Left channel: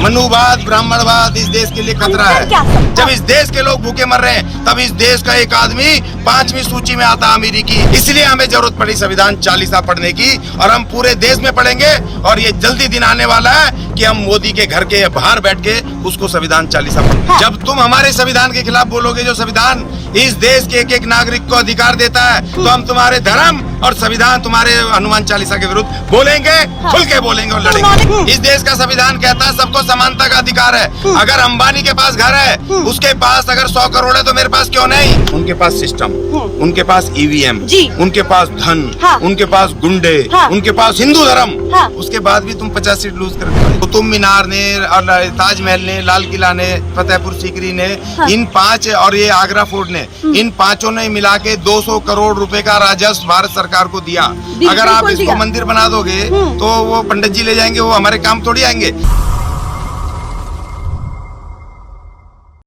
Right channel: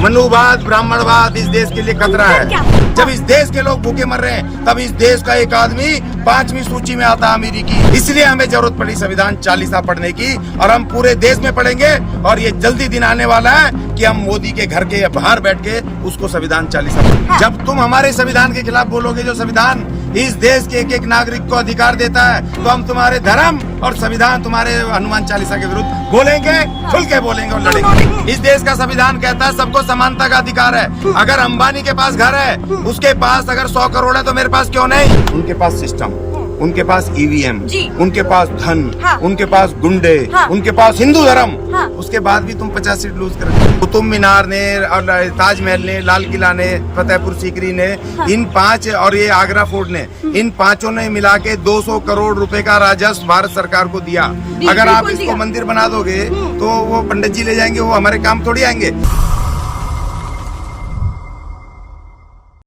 मनुवाद, ब्राह्मणवाद इस देश के लिए खतरा है। जब इस देश के लोग भूखे मर रहे हैं, तब इस देश का एक आदमी 5वीं सूची में आता अमेरिकी। इसलिए हमें जरूरत पड़ी संविधान 40 पढ़ने की, और हम पूरे देश में पढ़ेंगे। और ये जल्दी दिन आने वाला है कि हम मोदी के घर के बाहर बैठ के उसको संविधान 40 पढ़ेंगे। जब तुम हमारे संविधान के खिलाफ बोलोगे, जो संविधान इस देश के एक नागरिक को अधिकार देता है, तो हम तुम्हारे धर्म और संविधान, तुम्हारे हनुमान 40 के विरुद्ध बोलेंगे, खुल के बोलेंगे और लड़ेंगे। इस देश का संविधान कहता है सबको समानता का अधिकार है। अगर अंबानी के पास घर है, उसके पास अगर 100 करोड़ है, तो मेरे पास क्यों नहीं? उनके पास सिस्टम, उनके पास ईवीएम, उनके पास धन, उनके पास गुंडे, उनके पास हिंदू धर्म। उसके बाद भी तुम 50 सीट लूज कर। कुतुब मीनार ने और ताजमहल ने, लाल किला ने, फतेहपुर सीकरी ने, इन 5 और ये आगरा फोर्ट ने, इन 5 ने मिला के 200 करोड़ रुपए का राजस्व भारत सरकार को दिया। अगर आप इसको मंदिर बना दोगे, तो वो पंडित जी ले जाएंगे, वो हमारे काम थोड़ी आएंगे।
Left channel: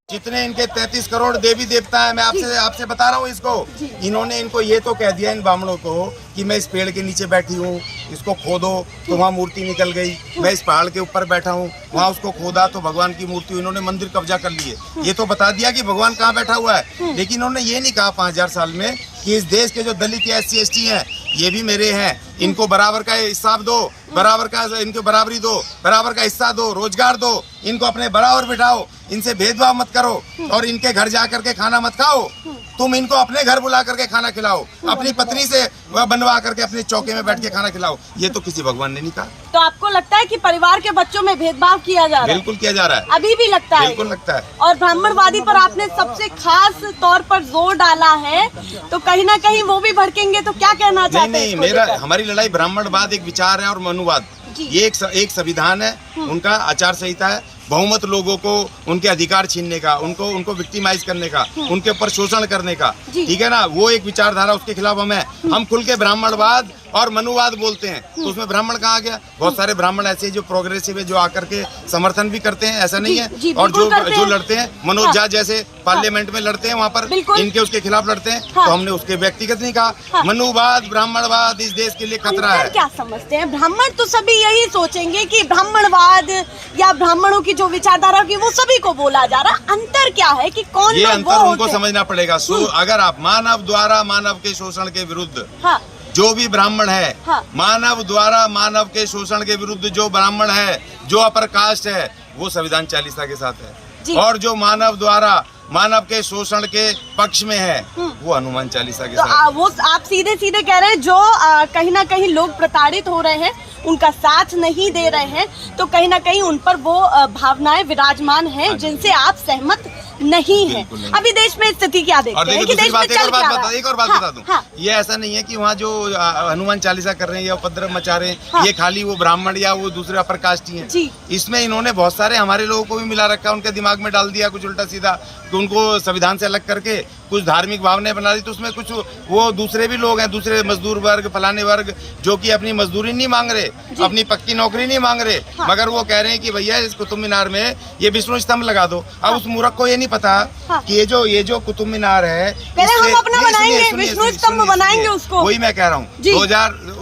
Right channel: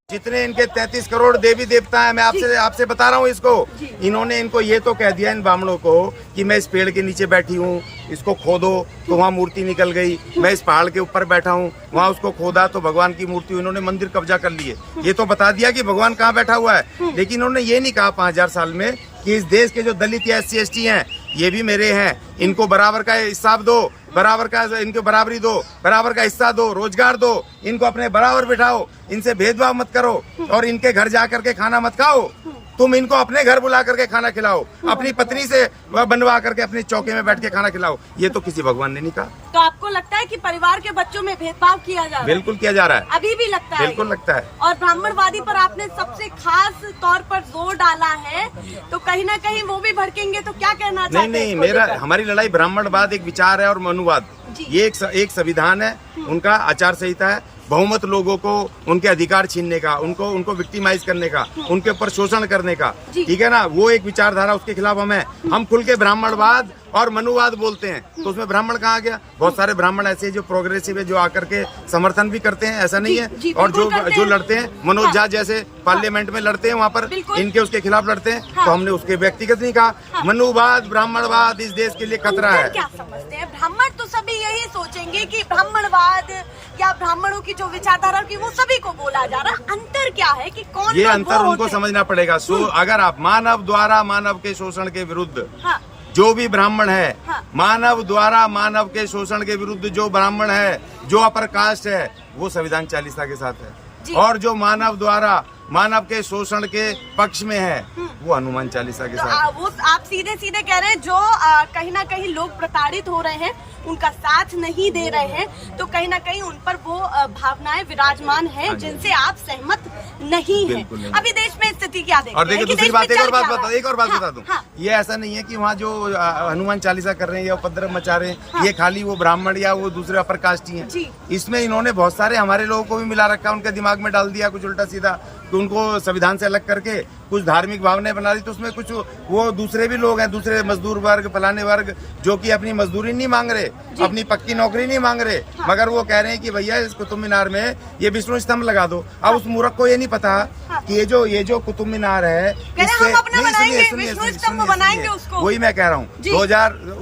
जितने इनके 33 करोड़ देवी देवता है, मैं आपसे बता रहा हूँ इसको। इन्होंने इनको ये तो कह दिया इन ब्राह्मणों को कि मैं इस पेड़ के नीचे बैठी हूँ, इसको खोदो तो वहाँ मूर्ति निकल गई। मैं इस पहाड़ के ऊपर बैठा हूँ, वहाँ उसको खोदा तो भगवान की मूर्ति। इन्होंने मंदिर कब्जा कर लिए। ये तो बता दिया कि भगवान कहाँ बैठा हुआ है, लेकिन इन्होंने ये नहीं कहा 5000 साल में कि इस देश के जो दलित या SC ST हैं, ये भी मेरे हैं, इनको बराबर का हिसाब दो, बराबर का इनको बराबरी दो, बराबर का हिस्सा दो, रोजगार दो, इनको अपने बराबर बिठाओ, इनसे भेदभाव मत करो, और इनके घर जा करके खाना मत खाओ। तुम इनको अपने घर बुला करके खाना खिलाओ, अपनी पत्नी से बनवा करके अपने चौके में बैठ के खाना खिलाओ। ये तो किसी भगवान ने नहीं कहा। तो आपको लगता है कि परिवार के बच्चों में भेदभाव किया जा रहा है? बिल्कुल किया जा रहा है, अभी भी लगता है? बिल्कुल लगता है। और ब्राह्मणवादी पर आपने सबसे खास तौर पर जोर डाला है, तो कहीं ना कहीं वो भी भड़केंगे, तो क्या कहना चाहते हैं? नहीं, हमारी लड़ाई ब्राह्मणवाद एक विचार है और मनुवाद ये एक संविधान है, उनका आचार संहिता है। बहुमत लोगों को उनके अधिकार छीनने का, उनको विक्टिमाइज करने का, उनके ऊपर शोषण करने का, ठीक है ना, वो एक विचारधारा, उसके खिलाफ हम खुल के ब्राह्मणवाद और मनुवाद बोलते हैं। तो उसमें ब्राह्मण कहाँ गया? बहुत सारे ब्राह्मण ऐसे जो प्रोग्रेसिव है, जो आकर के समर्थन भी करते हैं, ऐसा नहीं है। और जो लड़ते हैं, मनोज झा जैसे पार्लियामेंट में लड़ते हैं, वहाँ पर इनके उसके खिलाफ लड़ते हैं, तो हमने उसके व्यक्तिगत नहीं कहा। मनुवाद, ब्राह्मणवाद इस देश के लिए खतरा है। क्या समझते हैं ब्राह्मण? तो सभी यही सोचेंगे कि ब्राह्मणवाद या ब्राह्मणों की जो विचारधारा की वो सभी को बोला जा रहा। अंतर क्या है कि कौन? ये अंतर उनको समझना पड़ेगा। अगर आप मानव द्वारा मानव के शोषण के विरुद्ध, जो भी ब्राह्मण है, मानव द्वारा मानव के शोषण के विरुद्ध जो ब्राह्मण है, जो अपर कास्ट है, वो संविधान 40 के साथ है। और जो मानव द्वारा मानव के शोषण के पक्ष में है, वो हनुमान 40 के साथ। वो आप सीधे सीधे कह रहे हैं, जो कहीं ना कहीं लोग प्रताड़ित हो रहे हैं, उनका साथ नहीं दे रहे हैं, तो कहीं ना कहीं उन पर वो भावनाएं विराजमान हैं जिनसे आप सहमत नहीं है। अभी देश में स्थिति क्या देखते हैं? और देखिए दूसरी बात, एक और बात बता दूं। ये ऐसा नहीं है कि वहाँ जो हनुमान 40 कर रहे हैं या उपद्रव मचा रहे हैं, ये खाली वो ब्राह्मण या वो दूसरे अपर कास्ट ही हैं। इसमें इन्होंने बहुत सारे हमारे लोगों को भी मिला रखा, उनके दिमाग में डाल दिया कुछ उल्टा सीधा, तो उनको संविधान से अलग करके कुछ धार्मिक भावनाएं बना दी। तो उसमें कुछ वो दूसरे भी लोग हैं, दूसरे मजदूर वर्ग, फलाने वर्ग, जो कि अपनी मजदूरी नहीं मांग रहे, अपनी पक्की नौकरी नहीं मांग रहे, मगर वो कह रहे हैं कि भैया इस कुतुब मीनार में ये विष्णु स्तंभ लगा दो। अब उस मूर्ख को ये नहीं पता कि ये जो कुतुब मीनार है, सुनिए, वही मैं कह रहा हूँ।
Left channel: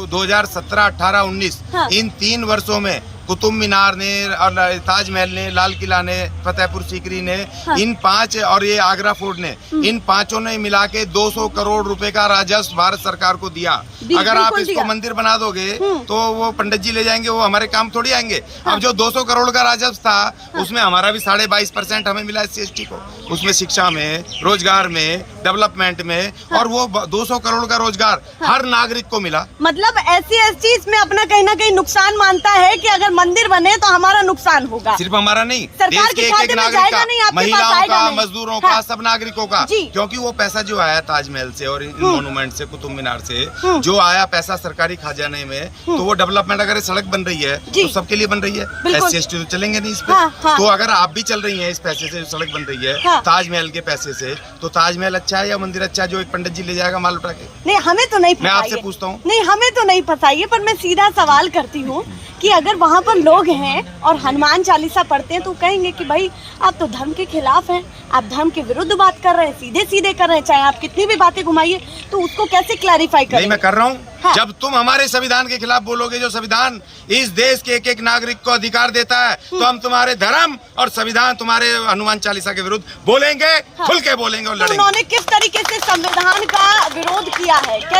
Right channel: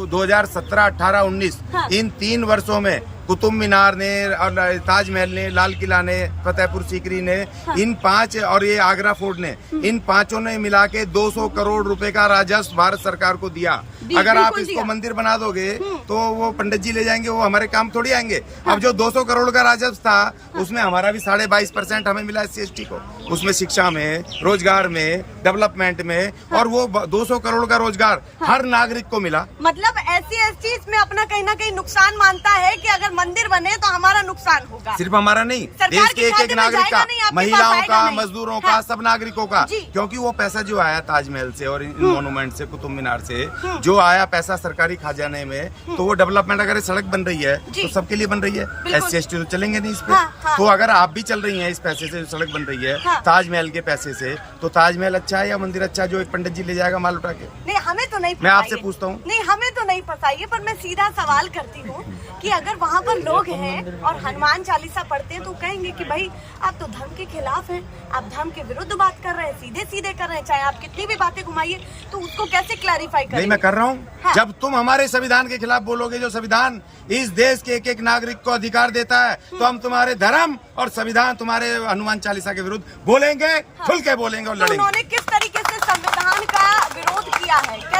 2017, 18, 19 इन 3 वर्षों में कुतुब मीनार ने और ताजमहल ने, लाल किला ने, फतेहपुर सीकरी ने, इन 5 और ये आगरा फोर्ट ने, इन 5 ने मिला के 200 करोड़ रुपए का राजस्व भारत सरकार को दिया। अगर आप इसको मंदिर बना दोगे, तो वो पंडित जी ले जाएंगे, वो हमारे काम थोड़ी आएंगे। अब जो 200 करोड़ का राजस्व था, उसमें हमारा भी 22.5% हमें मिला SC ST को, उसमें शिक्षा में, रोजगार में, डेवलपमेंट में, और वो 200 करोड़ का रोजगार हर नागरिक को मिला। मतलब SC ST इसमें अपना कहीं ना कहीं नुकसान मानता है कि अगर मंदिर बने तो हमारा नुकसान होगा। सिर्फ हमारा नहीं, देश के एक नागरिक का, महिलाओं का, मजदूरों का, सब नागरिकों का, क्योंकि वो पैसा जो आया ताजमहल से और इन मोनूमेंट से, कुतुब मीनार से जो आया पैसा सरकारी खजाने में, तो वो डेवलपमेंट, अगर सड़क बन रही है तो सबके लिए बन रही है। SC ST तो चलेंगे नहीं इस पे। तो अगर आप भी चल रही हैं इस पैसे से, सड़क बन रही है ताजमहल के पैसे से, तो ताजमहल अच्छा है या मंदिर अच्छा है जो एक पंडित जी ले जाएगा माल उठा के? नहीं, हमें तो नहीं, मैं आपसे पूछता हूँ। नहीं, हमें तो नहीं पता है, पर मैं सीधा सवाल करती हूँ कि अगर वहाँ पर लोग हैं और हनुमान 40 पढ़ते हैं, तो कहेंगे कि भाई आप तो धर्म के खिलाफ हैं, आप धर्म के विरुद्ध बात कर रहे हैं, सीधे सीधे कर रहे हैं, चाहे आप कितनी भी बातें घुमाइए, तो उसको कैसे क्लैरिफाई करेंगे? नहीं, मैं कर रहा हूँ। हाँ। जब तुम हमारे संविधान के खिलाफ बोलोगे, जो संविधान इस देश के एक एक नागरिक को अधिकार देता है, तो हम तुम्हारे धर्म और संविधान, तुम्हारे हनुमान चालीसा के विरुद्ध बोलेंगे, हाँ। खुल के बोलेंगे और तो लड़ेंगे। उन्होंने किस तरीके से संविधान का विरोध किया है?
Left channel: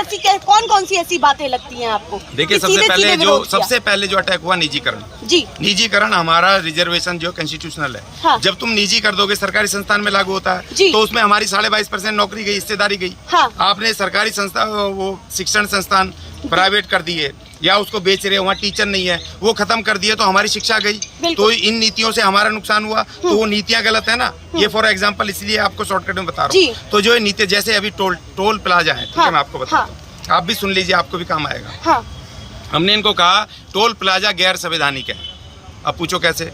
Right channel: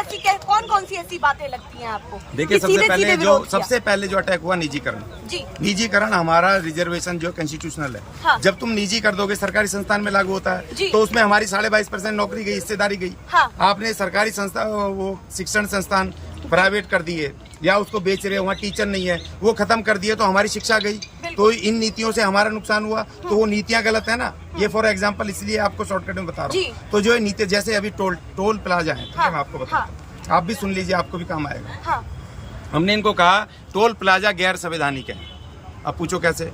कौन कौन सी ऐसी बातें लगती हैं आपको? देखिए, कि सीधे-सीधे विरोध किया? सबसे पहले जो अटैक हुआ, निजीकरण। जी, निजीकरण हमारा रिजर्वेशन जो कॉन्स्टिट्यूशनल है, हाँ। जब तुम निजी कर दोगे, सरकारी संस्थान में लागू होता है, जी। तो उसमें हमारी 22.5% नौकरी गई, हिस्सेदारी गई। हाँ। आपने सरकारी संस्था, वो शिक्षण संस्थान प्राइवेट कर दिए, या उसको बेच रहे हो, वहाँ टीचर नहीं है, वो खत्म कर दिए, तो हमारी शिक्षा गई। तो इन नीतियों से हमारा नुकसान हुआ, तो वो नीतियाँ गलत है ना। ये फॉर एग्जाम्पल, इसलिए आपको शॉर्टकट में बता रहा हूँ। तो जो नीति, जैसे अभी टोल प्लाजा है, ठीक है, मैं आपको बताता हूँ, आप भी सुन लीजिए, आपको भी काम आएगा। हाँ। हमने इनको कहा टोल प्लाजा गैर संवैधानिक है। अब पूछो कैसे?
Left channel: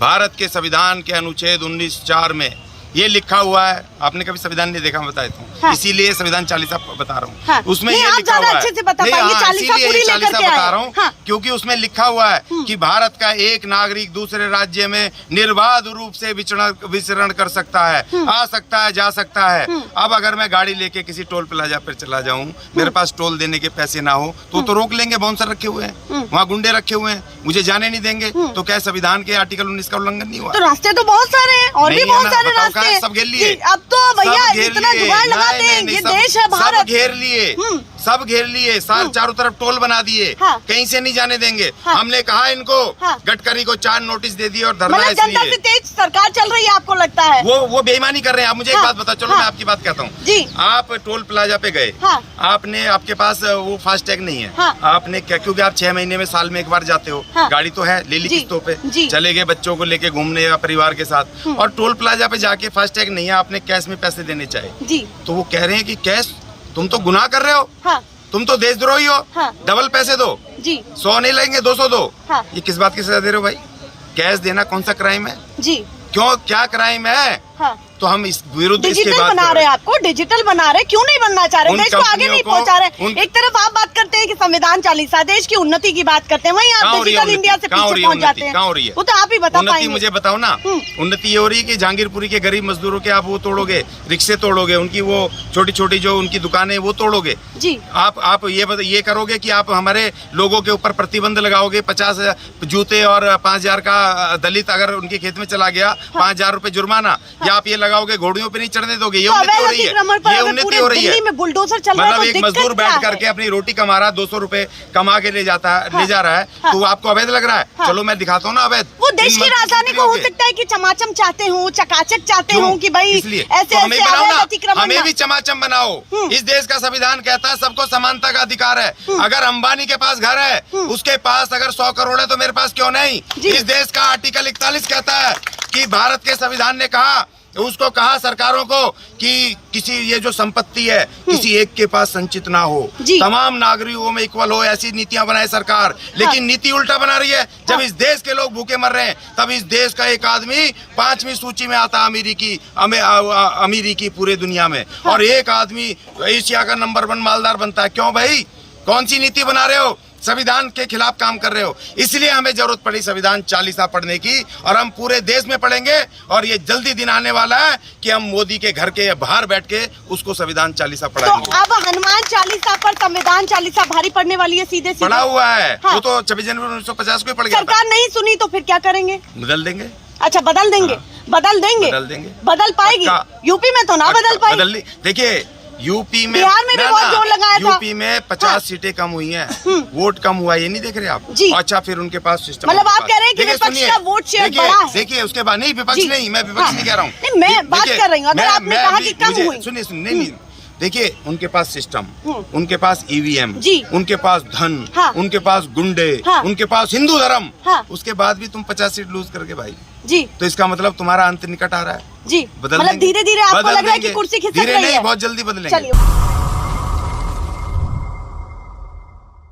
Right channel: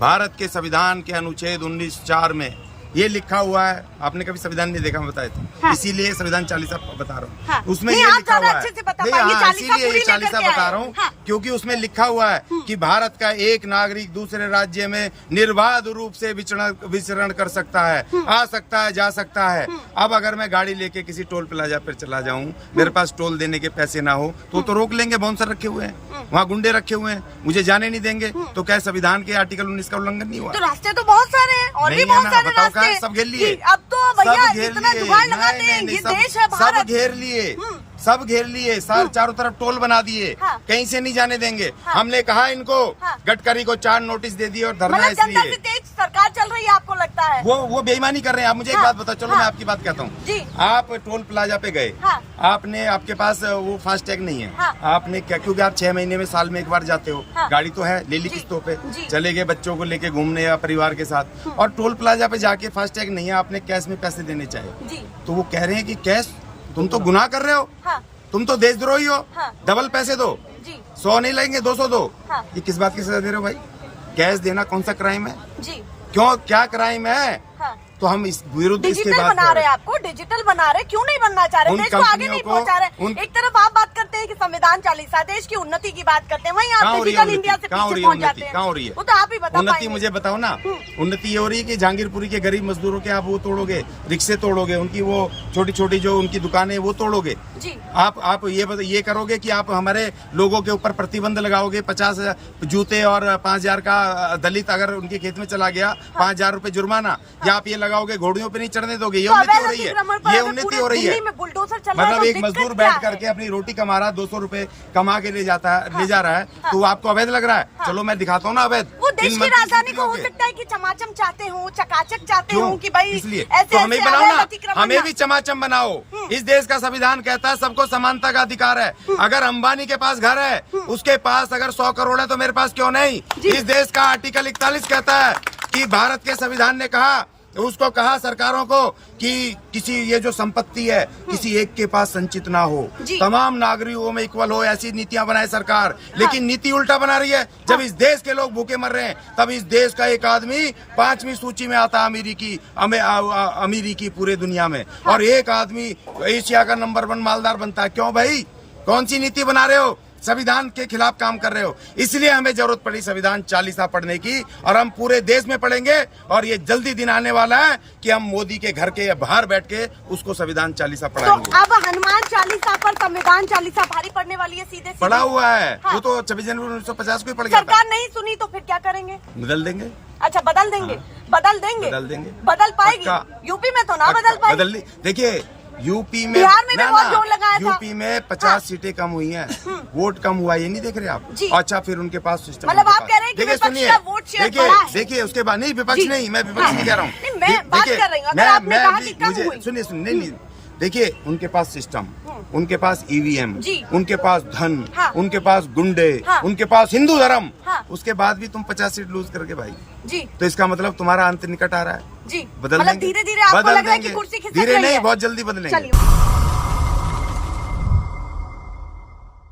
भारत के संविधान के अनुच्छेद 19(4) में ये लिखा हुआ है। आपने कभी संविधान नहीं देखा, मैं बता देता हूँ। हाँ। इसीलिए संविधान चालीसा बता रहा हूँ। हाँ। उसमें ये लिखा हुआ है, नहीं, हाँ, इसीलिए ये चालीसा बता रहा हूँ, क्योंकि उसमें लिखा हुआ है कि भारत का एक नागरिक दूसरे राज्य में निर्बाध रूप से विचरण कर सकता है, आ सकता है, जा सकता है। अब अगर मैं गाड़ी लेके किसी टोल प्लाजा पर चला जाऊँ, मेरे पास टोल देने के पैसे ना हो, तो रोक लेंगे। बाउंसर रखे हुए हैं वहाँ, गुंडे रखे हुए हैं, मुझे जाने नहीं देंगे। तो क्या संविधान के आर्टिकल 19 का उल्लंघन नहीं हुआ? तो रास्ते तो बहुत सारे हैं, और नहीं भी है बहुत ना, सारे बताओ कहाँ है? रास्ते। सब घेर लिए, अब तो भैया सब घेर इतना लिए, जुगाड़ लगाते हैं, ये देश है सब भारत। घेर लिए, सब घेर लिए, चारों तरफ टोल बना दिए, हाँ। कहीं से नहीं जाने देंगे। हाँ। हमने कहा इनको, हाँ। गडकरी को 4 नोटिस दे दिए और धरना, मतलब जनता इसलिए से तेज सरकार चल रही है, आपको लगता है? वो बेईमानी कर रहे हैं। आप मुझे एक हाँ। बात बताओ, चलो हाँ। मैं आपकी बात कहता हूँ। जी। आप टोल प्लाजा पे गए, हाँ। आपके पास वो फास्टैग नहीं है, हाँ। आपने क्या, क्योंकि आप 6 महीने में, साल में एक बार जाते हो, हाँ। गाड़ी तो है, ले ली जी। किस्तों पे, जी। चले गए बच्चों को लेके घूमने या परिवार के साथ, और टोल प्लाजा पे जाके फास्टैग नहीं है, आपने कैश में पैसे देने चाहे, जी। तो वो कह रहे हैं कि कैश, तुम तो गुनाह कर रहे हो, हाँ। तुम तो देशद्रोही हो, हाँ। डबल पैसे दो, जी। 100 नहीं लेंगे, 200 दो। हाँ। ये किस बात की सजा दे रहे हो भाई? कैश देना कौन सा क्राइम है? जी। क्यों, क्या क्राइम है? हाँ। तो हम इस विरुद्ध इसके डिजिटल बात बना कर रहे रहे हैं, हैं। आपको डिजिटल बना रहे, क्यों नहीं बनना चाह रहे? उन देश को आगे कंपनियों नहीं को- पहुंचा रहे। उन- एक तरफ आप बात करते हैं कि संविधान चालीसा, देश की उन्नति की बात करते हैं, वहीं कहाँ आप हो रही है डिजिटल इंडिया से उन्नति? कहाँ हो रही पीछे है पहुंच जाते उन्नति? हैं। कहाँ हो रही है वो तो आप ही बता उन्नति? पाएंगे। मुझे बताओ ना। उन्नति ये हो रही है कि जहांगीरपुरी के गरीब मजदूरों के आप वो तोड़ोगे, रिक्शे तोड़ोगे, उनकी वो छोटी छोटी जो उनकी दुकानें वो तोड़ोगे। जी। आप ये करोगे कि आप हमारे लोगों के ऊपर प्रतिबंध लगाओगे, 50 जूते और 5,000 का दलित अगर उनके खेत में चला गया, 5,000 रुपए जुर्माना, या आप ये लगाओगे घोड़ियों पे नहीं चढ़ने दोगे। ये उन्नति हो रही है, ये उन्नति हो रही है। मतलब एक मजदूर बैठ करके अपनी रोटी कमा रहा है, 200 रुपए कमा के ले जा रहा है, तो आपको अवैध लग रहा है। चलो मैं दिखाता हूँ ना अवैध। वो देश की राजधानी को हो सकता है कि चमाचम चाहते हूँ, चकाचक चाहते हूँ कि भाई इसलिए ऐसे तो हमें ऐसे बनाओ ना, अतिक्रमण हमें भी चमाचम बनाओ। इस देश का संविधान कहता है सबको समानता का अधिकार है। अगर अंबानी के पास घर है, उसके पास अगर 100 करोड़ है, तो मेरे पास क्यों नहीं? इस देश का आर्टिकल 41 कहता है कि भारत के संविधान ने कहा सरकारों को कि किसी ये जो संपत्ति है किसी एक के पास संचित ना हो, तमाम नागरिकों में इक्वल हो, ऐसी नीतियां बनाए सरकार। लेकिन नीति उल्टा बना रही है। जब इस देश के लोग भूखे मर रहे हैं, तब इस देश का एक आदमी 5वीं सूची में आता अमीरी की पूरे दुनिया में, और एक आदमी एशिया का नंबर 1 मालदार बनता है। क्यों भाई? कौन सी नीति बना रहे हो? संविधान के खिलाफ काम कर रहे हो। इसलिए हमें जरूरत पड़ी संविधान चालीसा पढ़ने की, और हम पूरे देश में पढ़ेंगे। और ये जल्दी दिन आने वाला है कि हम मोदी के घर के बाहर बैठ के उसको संविधान चालीसा पढ़ाएंगे। तो अब हनुमान चालीसा पर संविधान चालीसा भारी पड़ने वाली है, सीधे पढ़ा हुआ है। हाँ। वो तो 26 जनवरी 1950 को ही पड़ गया था। सरकार नहीं सुनी तो फिर क्या करेंगे? बदल देंगे। अच्छा, बदल देंगे। हाँ। बदल देंगे। बदल पाएगी? यूपी में तो ना बदल पाएगी। देखिए यूपी में बिहार में भी बहुत जोर लगाया था। यूपी में 50 सीटें कम हुई हैं, वोट कम हुआ, ये नहीं देख रहे आप? अच्छा, फिर उनके पास सिस्टम, मतलब आप कह रहे हैं कि देखिए सुनिए, देखिए उसके बाद नहीं, विपक्ष नहीं, मैं विपक्ष नहीं कह रहा हूँ, मैं बात कर रही हूँ। मुझे सुनिए नहीं, देखिए उनके पास सिस्टम, उनके पास ईवीएम, उनके पास धन, उनके पास गुंडे, उनके पास हिंदू धर्म, उसके बाद भी तुम 50 सीट लूज करके भाई जी, तो इसका मतलब तुम्हारा अंत निकट आ रहा है जी। बदल देंगे, धीरे धीरे बदल देंगे, धीरे नहीं, बहुत जल्दी बदलेंगे।